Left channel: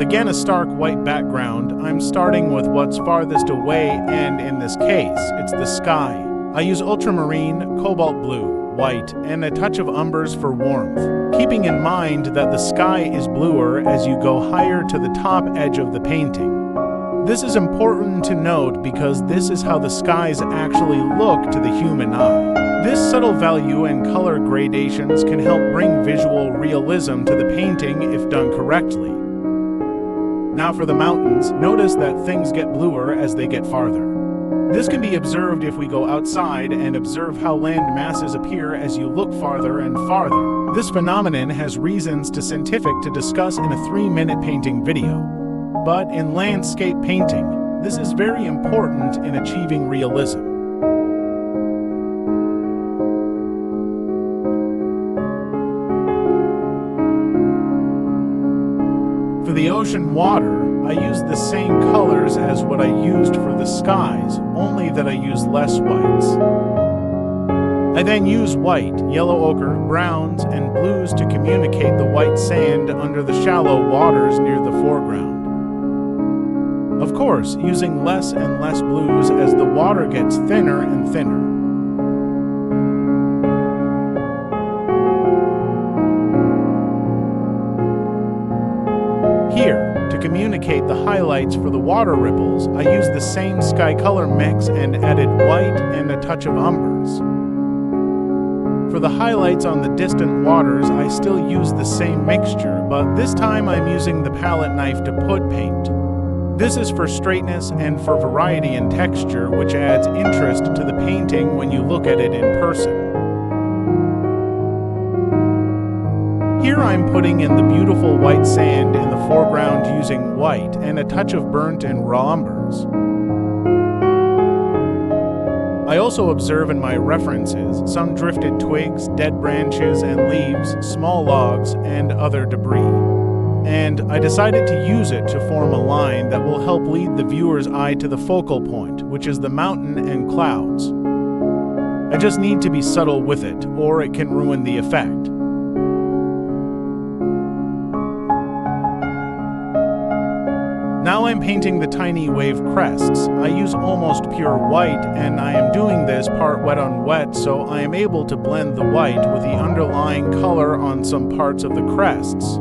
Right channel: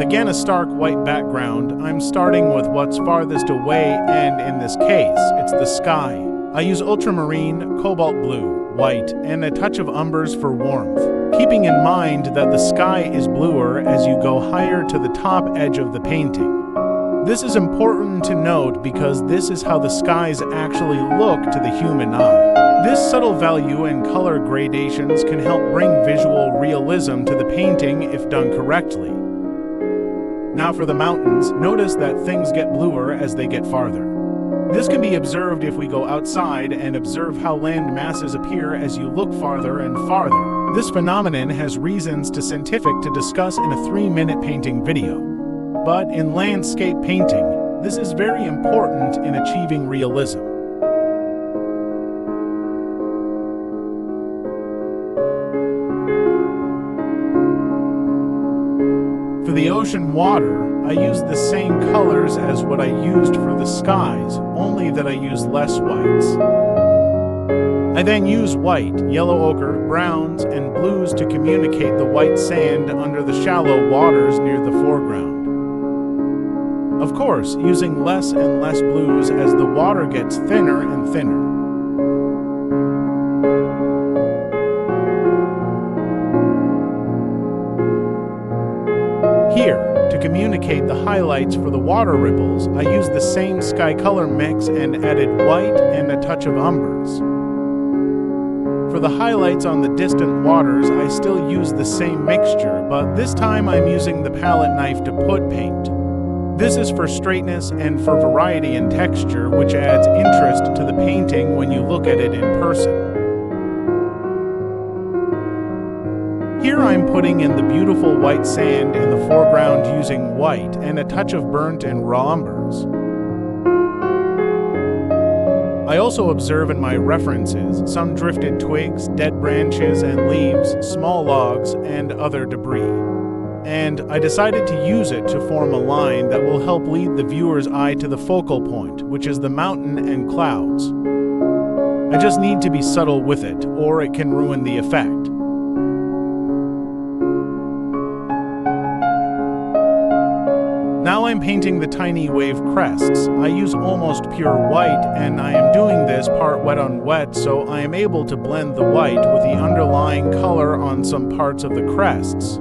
With again a stark white background, I'm starting with what's farthest away, and in this case, it's the sky. I use ultramarine, cobalt blue, white, and a touch of umbers for warmth, keeping in mind that the sky is bluer as you go higher to the top edge of the painting. This is important to note because this is how the skies actually look to the human eye. This subtle value and color gradations can help bring visual realism to the painting if done correctly. Now for the mountains, notice that things get bluer as they get farther. This can be observed if we go outside and observe how land masses appear as you look farther and farther. This phenomenon has reasons to scientific to discuss in a 3-minute painting video. But in landscape painting, this is very important in achieving realism. For the ocean water, I use the same colors as what I used for the skies, only that I use less whites. I then use white, yellow ochre, browns, and blues to communicate the white sand under the shallow waters near the foreground. Of course, using less and less blues as the water gets thinner and thinner. Here, to communicate the highlights for the water ripples, I used the same sky color mix and added white and a touch of umbers. For the highlights on the distant waters, I still use the same mixture, but this time I'm using the palette knife to put paint. This is for straightness and for variety in texture, which adds interest to the painting when you look at it in person. Here I'm putting in the beautiful white sand in the foreground using white and a touch of burnt and raw umbers. I also observe in my references some drifted twigs, dead branches and leaves, small logs, and other debris. And I decided to use it to form a line that will help lead the viewer's eye to the focal point, which is the mountain and clouds. I just need to be subtle with it, or it can ruin the effect. Now I'm painting the tiny wave crests. I use almost pure white, and I am doing this part wet on wet, so I am able to blend the white with the underlying color on some parts of the crests.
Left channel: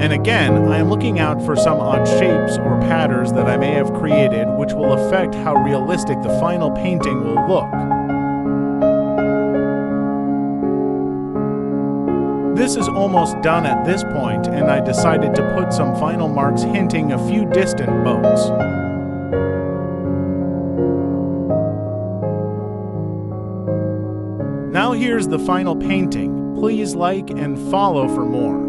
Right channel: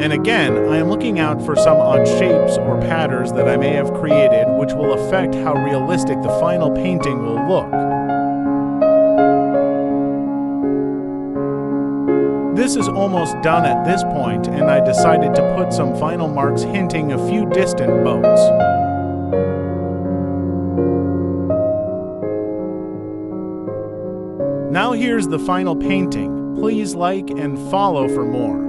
And again, I am looking out for some odd shapes or patterns that I may have created which will affect how realistic the final painting will look. This is almost done at this point, and I decided to put some final marks hinting a few distant boats. Now here's the final painting. Please like and follow for more.